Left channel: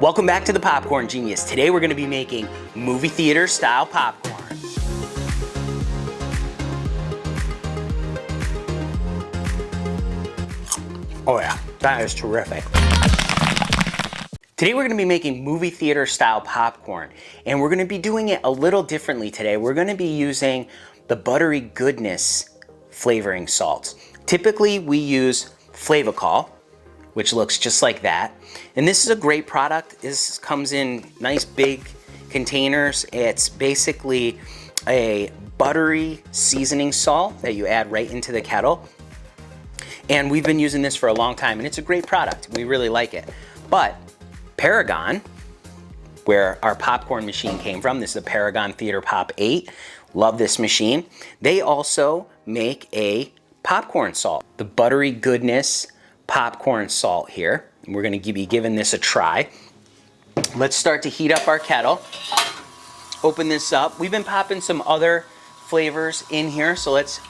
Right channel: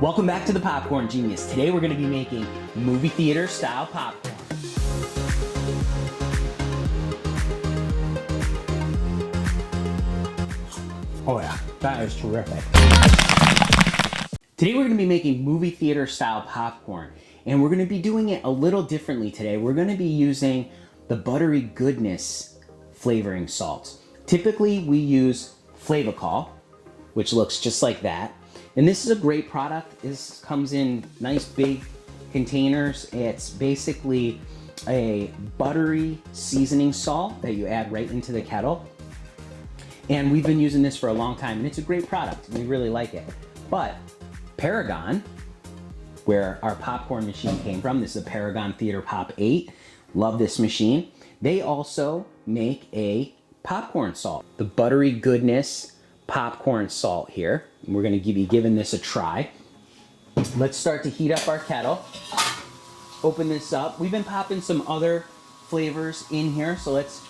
Welcome back to the Popcorn Genius. Today we're going to be making movie theater style popcorn. Oh yeah, that is terrific. Today we're going to be making movie theater style popcorn, and we're going to be doing it a little differently today. We're going to be using the Buttery Goodness flavoring salts. Typically we use Flavacol, which looks just like that. And this is a great product. This comes in nice big containers. It's basically a buttery seasoning salt that you add right into the kettle. And we've been using this for a long time, and it's a great product. We really like it. But Paragon, where our popcorn machine came from, this is a Paragon Theater Pop 8. Love this machine. They also make a popcorn salt, the Buttery Goodness popcorn salt here. We're gonna be giving this a try. Let's start to heat up our kettle. Open this up. We've been popping some other flavors in here, so let's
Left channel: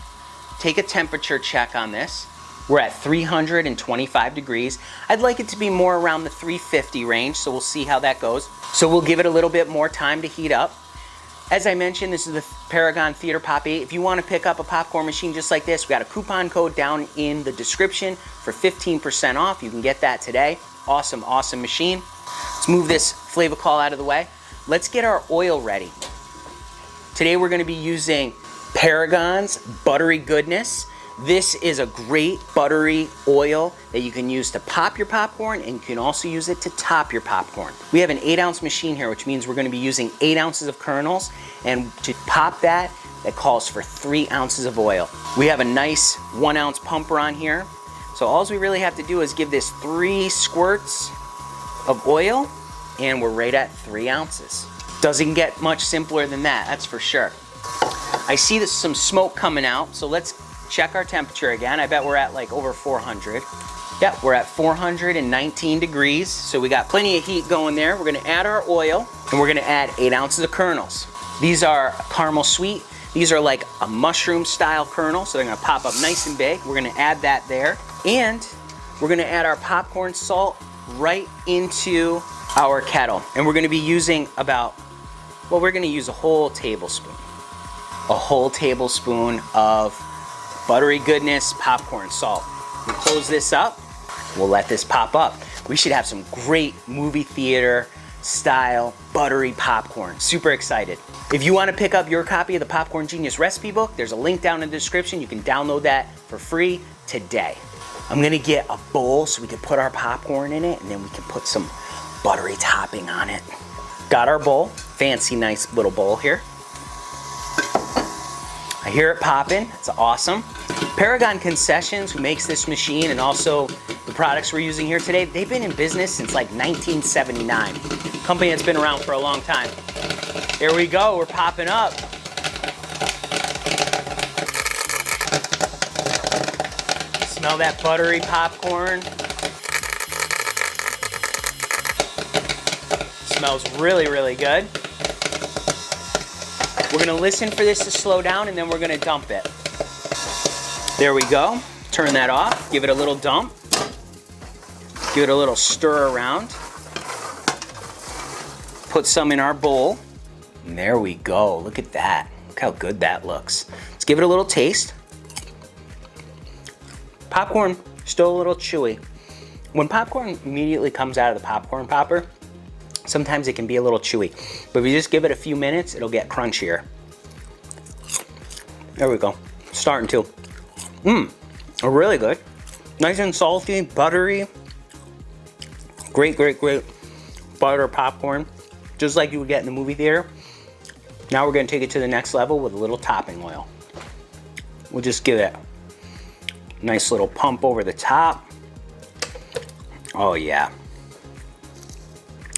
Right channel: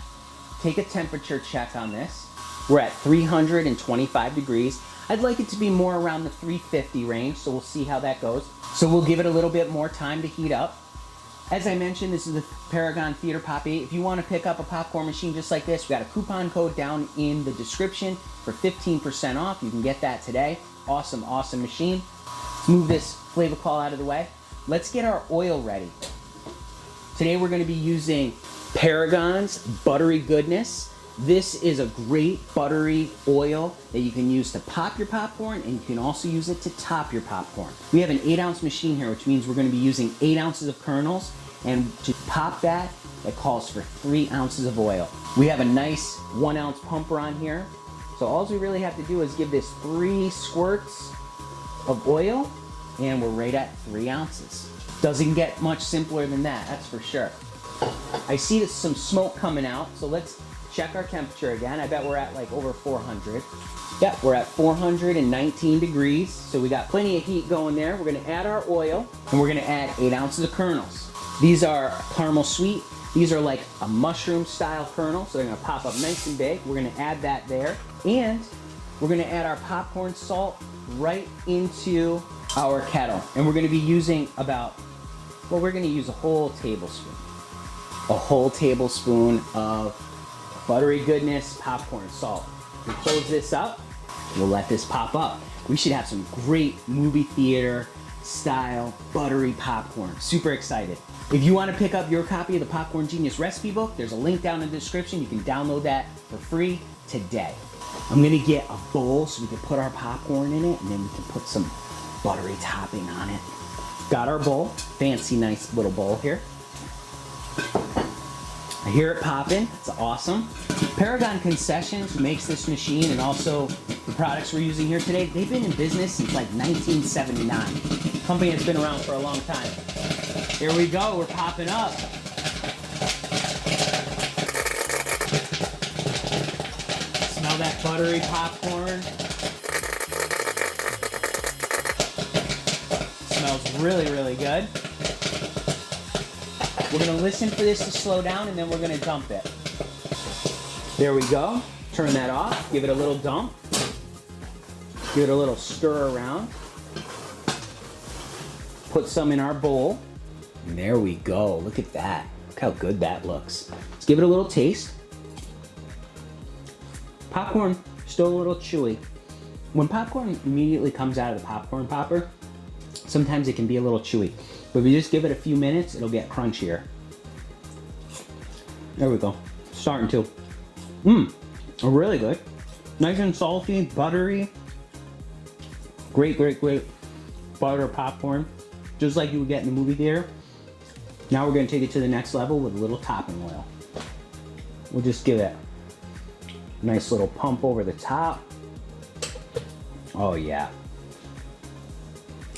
take a temperature check on this. We're at 325 degrees. I'd like it to be more around the 350 range, so we'll see how that goes. So we'll give it a little bit more time to heat up. As I mentioned, this is the Paragon Theater Pop 8. If you want to pick up a popcorn machine just like this, we got a coupon code down in the description for 15% off. You can get that today. Awesome, awesome machine. Let's move this Flavacol out of the way. Let's get our oil ready. Today we're going to be using Paragon's Buttery Goodness. This is a great buttery oil that you can use to pop your popcorn, and you can also use it to top your popcorn. We have an 8-ounce machine here, which means we're going to be using 8 ounces of kernels, and to pop that calls for 3 ounces of oil. We have a nice 1-ounce pumper on here, so all we really have to do is give this 3 squirts of oil, and we're right at 3 ounces. Doesn't get much simpler than that, that's for sure. I see there's some smoke coming out, so let's check our temperature again. I bet we're at like over 400. Yep, we're at 419 degrees. So we got plenty of heat going there. We're gonna add our oil, and we're gonna add 8 ounces of kernels. These are caramel sweet. These are like a mushroom style kernel, so they're gonna pop up nice and big. We're gonna add that there. And we're gonna add our popcorn salt right into our kettle. And we're gonna be using we're gonna use a whole tablespoon. A whole tablespoon of Buttery Goodness popcorn salt. We'll close this up. We'll let this pop up. We should have some great movie theater style buttery popcorn. Super excited. If you want to pick up your copy of the Popcorn Genius recipe book, there's a link down in the description. You can download that for free today. I'm gonna get a bowl so we can put our popcorn in it, and then we can put some buttery topping on it. Got our bowl. Fancy, nice little bowl here. I hear it popping. It's awesome. Paragon Concessions, who makes this machine and also the products we're using here today, they've been in business since like 1979. Company that's been around for a long time. Here we go, we're popping up. Smell that buttery popcorn. Smells really, really good. We're gonna listen for this to slow down, and then we're gonna dump it. There we go. Turn that off, give it a little dump. Give it a little stir around. Put some in our bowl. And there we go, look at that. Look how good that looks. Let's give it a little taste. Popcorn, still a little chewy. When popcorn immediately comes out of the popcorn popper, sometimes it can be a little chewy, but if you just give it a few minutes, it'll get crunchier. There we go, starting to. Really good. Nice and salty, buttery. Great, great, great butter popcorn, just like you would get in the movie theater. Now we're gonna take it to the next level with a little topping oil. We'll just give it a nice little pump over the top. Oh yeah.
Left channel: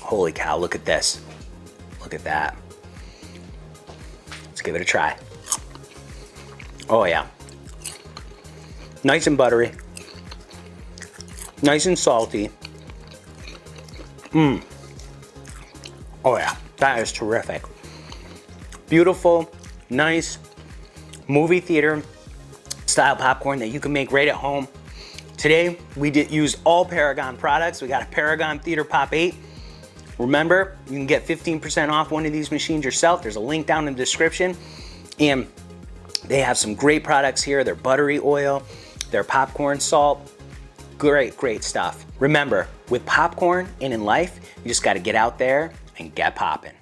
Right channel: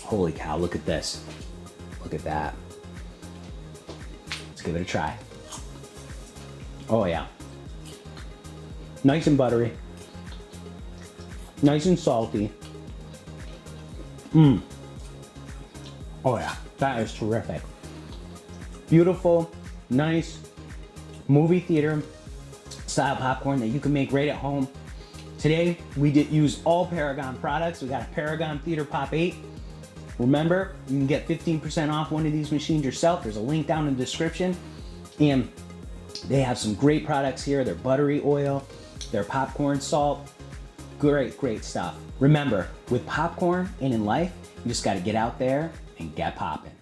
Holy cow, look at this. Look at that. Let's give it a try. Oh yeah. Nice and buttery. Nice and salty. Oh yeah, that is terrific. Beautiful, nice movie theater style popcorn that you can make right at home. Today, we use all Paragon products. We got a Paragon Theater Pop 8. Remember, you can get 15% off one of these machines yourself. There's a link down in the description. And they have some great products here. Their buttery oil, their popcorn salt. Great, great stuff. Remember, with popcorn and in life, you just gotta get out there and get popping.